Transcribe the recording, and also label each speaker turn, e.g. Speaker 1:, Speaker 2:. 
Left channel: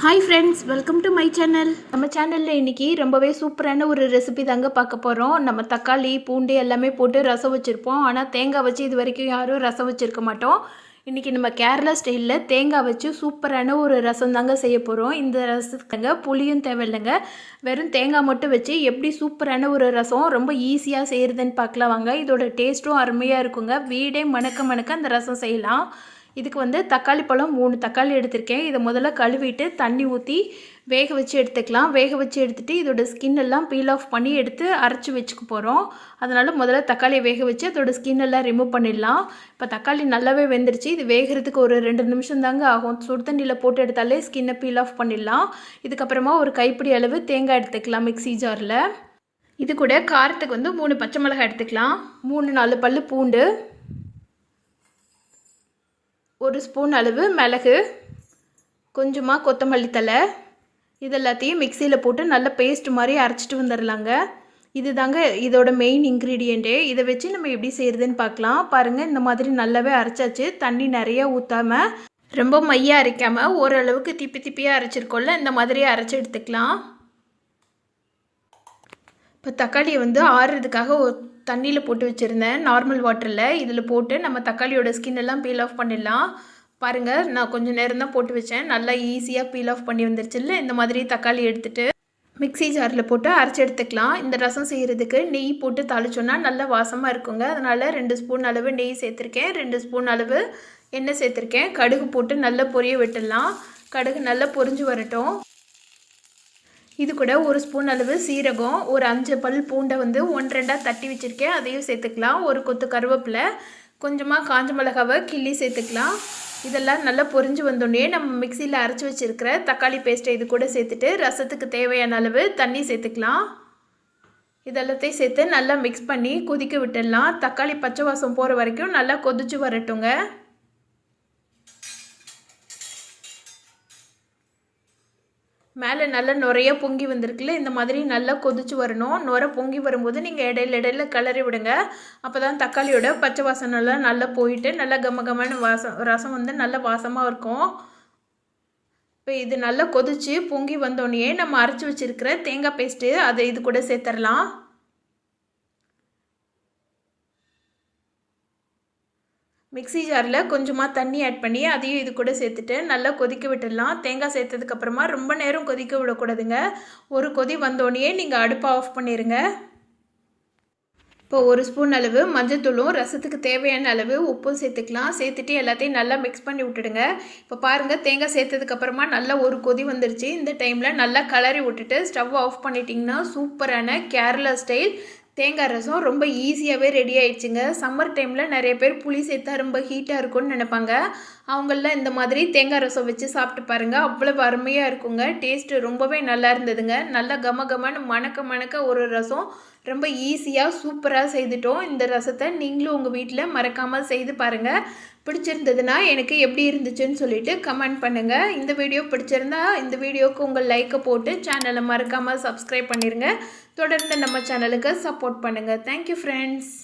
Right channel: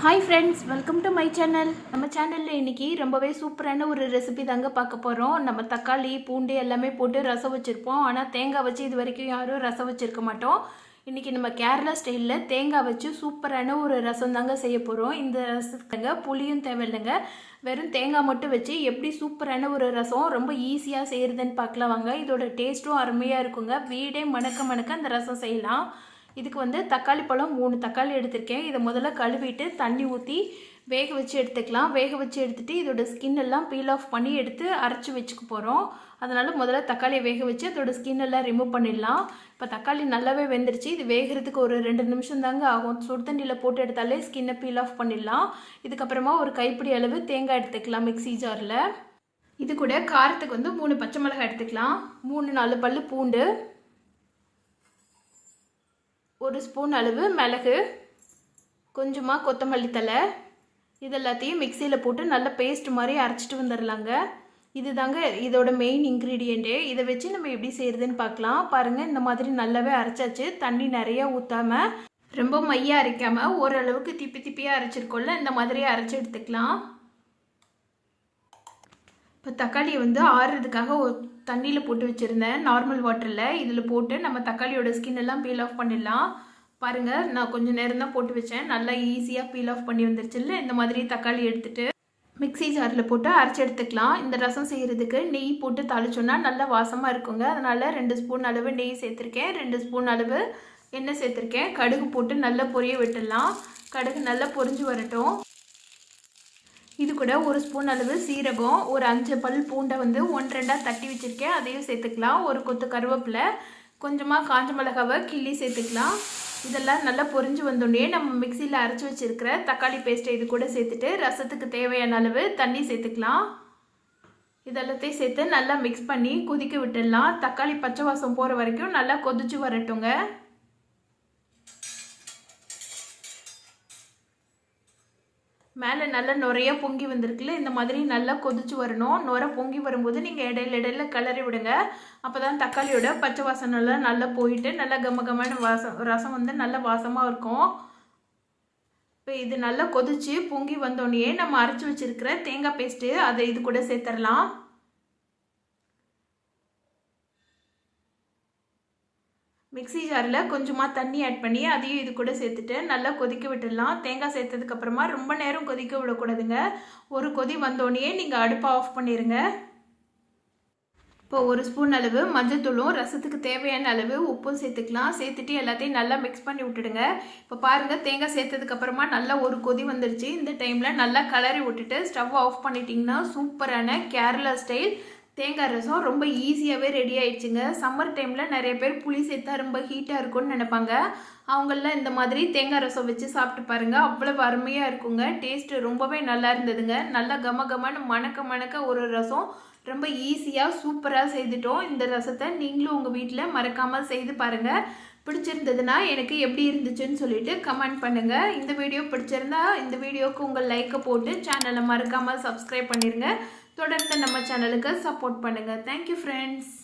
Speaker 1: Hi friends welcome to my channel நம்ம சேனலில் இன்றைக்கி ரொம்பவே சூப்பரான ஒரு ரெசிபி தாங்க பார்க்க போகிறோம் நம்ம தக்காளி பூண்டு எல்லாமே போட்டு ரசம் வச்சுருப்போம். ஆனால் தேங்காய் வச்சு இது வரைக்கும் யாரும் ரசம் வச்சுருக்க மாட்டோம். இன்றைக்கி நம்ம கேரளா ஸ்டைலில் தேங்காய் வச்சு சூப்பரான ஒரு ரசம் தாங்க செய்ய போகிறோம் இந்த ரசத்துக்குங்க புளியும் தேவையில்லைங்க. வெறும் தேங்காய் மட்டும் வச்சு எப்படி சூப்பரான ஒரு ரசம் ரொம்ப ஈஸியாக செய்கிறதுன்னு பார்க்கலாம் வாங்க. இதோட டேஸ்ட்டும் அருமையாக இருக்குங்க. வீடே மணக்க மணக்க அந்த ரசம் செய்யலாம். இதுக்கு வந்து தக்காளி பழம் மூணு தக்காளி எடுத்திருக்கேன். இதை முதல்ல கழுவிட்டு தண்ணி ஊற்றி வேக வச்சு எடுத்துக்கலாம். வேக வச்சு எடுத்துகிட்டு இதோட ஸ்கின் எல்லாம் பீல் ஆஃப் பண்ணி எடுத்து அரைச்சி வச்சுக்க போகிறோம் அதனால் முதல்ல தக்காளியை வேக வச்சு அதோட ஸ்கின் எல்லாம் ரிமூவ் பண்ணிடலாம். இப்போ தக்காளி நல்லாவே வெந்துருச்சு. இது வேகிறதுக்கு ஒரு ரெண்டு நிமிஷம் தாங்க ஆகும். சுடு தண்ணியில் போட்டு எடுத்தாலே ஸ்கின்னை பீல் ஆஃப் பண்ணிடலாம். இதுக்கப்புறமா ஒரு கைப்பிடி அளவு தேங்காய் எடுத்துக்கலாம் மிக்ஸி ஜாரில் இது கூட காரத்துக்கு வந்து மூணு பச்சை மிளகாய் எடுத்துக்கலாம். மூணு நாலு பல் பூண்டு. ஒரு ஸ்பூன் அளவு மிளகு கொஞ்சமாக கொத்தமல்லி தலை இது எல்லாத்தையும் மிக்சியில் போட்டு நல்ல பேஸ்ட் மாதிரி அரைச்சிட்டு வந்துடலாங்க இது தாங்க இதோட மெயின் இன்க்ரீடியண்ட்டே இதை வச்சு நம்ம எப்படி செய்கிறதுன்னு பார்க்கலாம். பாருங்கள் இந்த மாதிரி நல்லாவே அரைச்சாச்சு. தண்ணி நிறையா ஊற்றாமல் ரொம்ப மையாக அரைக்காமல் ஓரளவுக்கு திப்பி திப்பியாக அரைச்சிருக்கோம்ல இந்த மாதிரி அரைச்சி எடுத்துக்கலாம். இப்போ தக்காளியை வந்து ஆறுறதுக்காக தண்ணியில் போட்டு வச்சுருந்தேன். நார்மல் வாட்டரில் இதில் போட்டு நம்ம தக்காளியோட ஸ்கின் எல்லாம் பீல் ஆஃப் பண்ணிடலாம். பாருங்கள் நான் கொஞ்சம் நேரம் தான் போட்டு வச்சேன். நல்லா ஈஸியாக பீல் ஆஃப் பண்ணி வந்துருச்சுல்ல. இந்த மாதிரி தக்காளி எடுத்துகிட்டு மிக்ஸி ஜாரில் போட்டு அரைச்சி எடுத்துக்கலாம். இந்த ரசம் செய்கிறதுக்கு நெய் போட்டு தாளிச்சோன்னா நல்லா வாசமாக இருக்குங்க. அதனால் ரெண்டு ஸ்பூன் அளவு நெய் சேர்த்துருக்கேன். ரெண்டு ஸ்பூன் அளவு எண்ணெய் சேர்த்துருக்கேன். கடுகு போட்டு நல்லா பொரிய விட்டுடலாம். கடுகு நல்லா பொரிஞ்சு வரட்டும். இது கூட ஒரு ஸ்பூன் அளவு சீரகம் ஒரு அஞ்சு பல் பூண்டை வந்து ஒன் ரெண்டாக தட்டி வச்சுருக்கேன். அதையும் சேர்த்துக்கலாம். ஒரு கொத்து கருவேப்பிலை கொஞ்சமாக காஞ்ச மிளகாவை கிள்ளி சேர்த்துக்கலாம். இதெல்லாம் நல்லா பொரிஞ்சு வந்தோடனே நம்ம மிக்சியில் அரைச்சி வச்சுருக்கிற தக்காளி பேஸ்ட்டை இது கூட சேர்த்துட்டு ரசத்துக்கு தேவையான அளவு தண்ணி சேர்த்துக்கலாம். இதெல்லாத்தையும் சேர்த்து நல்லா மிக்ஸ் பண்ணி கொதிக்க விட்டுடலாம். தக்காளி பச்சை வாசம் போகிற வரைக்கும் நல்லா கொதிச்சு வரட்டுங்க. மேலே நல்லா நுறைய பொங்கி வந்திருக்குல்ல இந்த மாதிரி நல்லா கொதிச்சு வரணும். நுர பொங்கி வரும்போது நீங்கள் இடையில இடையில கிளறி விடுங்க. அப்போ தான் தக்காளியோட பச்சை வாசனெல்லாம் நல்லா போயிட்டு நல்லா கம கமான வாசம் ரசம் வந்து நல்லா வாசமாக இருக்கும். இப்போ இது நல்லா கொதிச்சு பொங்கி வந்தோடனே நம்ம அரைச்சி வச்சுருக்கிற தேங்காய் பேஸ்ட்டு அதை இது கூட சேர்த்துடலாம் மிக்ஸி ஜாரில் கொஞ்சமாக தண்ணி ஆட் பண்ணி அதையும் இது கூட சேர்த்துட்டு நல்லா கொதிக்க விட்டுடலாம். தேங்காய் சேர்த்ததுக்கப்புறமா ரொம்ப நேரம் கொதிக்க விடக்கூடாதுங்க. ஒரு கொதி வந்தோடனே நீங்கள் அடுப்பை ஆஃப் பண்ணிடுங்க இப்போ ஒரு ஸ்பூன் அளவு மஞ்சத்தூளும் ரசத்துக்கு தேவையான அளவு உப்பும் சேர்த்துக்கலாம். சேர்த்துட்டு எல்லாத்தையும் நல்லா மிக்ஸ் பண்ணி விட்டுடுங்க. இப்போ பாருங்கள் தேங்காய் சேர்த்ததுக்கப்புறமா நல்லா ஒரு கொதி வந்துருச்சு. இந்த டைமில் நல்லா கலரி விட்டுட்டு ஸ்டவ் ஆஃப் பண்ணிட்டிங்கன்னா சூப்பரான கேரளா ஸ்டைல் தேங்காய் ரசம் ரொம்ப ஈஸியாகவே ரெடி ஆயிடுச்சுங்க. சம்மர் டைமில் நிறைய பேர் புளி சேர்த்தா ரொம்ப ஹீட்டாக இருக்கும்னு நினைப்பாங்க. அவங்கள இந்த மாதிரி தேங்காய் ரசம் வச்சு சாப்பிட்டு பாருங்கள் அவ்வளோ அருமையாக இருக்குங்க. டேஸ்ட்டு ரொம்பவே நல்லா இருந்ததுங்க. நல்லா கம கமன்னு மணக்க மணக்க ஒரு ரசம். ரொம்ப ஈஸியாக சூப்பராக செய்துட்டோம். இந்த ரசத்தை நீங்களும் உங்கள் வீட்டில் மறக்காமல் செய்து பாருங்கள் பிடிச்சிருந்ததுன்னா எனக்கு எப்படி இருந்துச்சுன்னு சொல்லிட்டு கமெண்ட் பண்ணுங்கள் இந்த வீடியோ பிடிச்சிருந்தா இந்த வீடியோவுக்கு உங்கள் லைக்கை போட்டு சேனலை மறக்காமல் சப்ஸ்கிரைப் பண்ணிடுங்க தொடர்ந்து நம்ம சேனலுக்கு சப்போர்ட் பண்ணுங்கள் தேங்க்யூ ஃப்ரெண்ட்ஸ்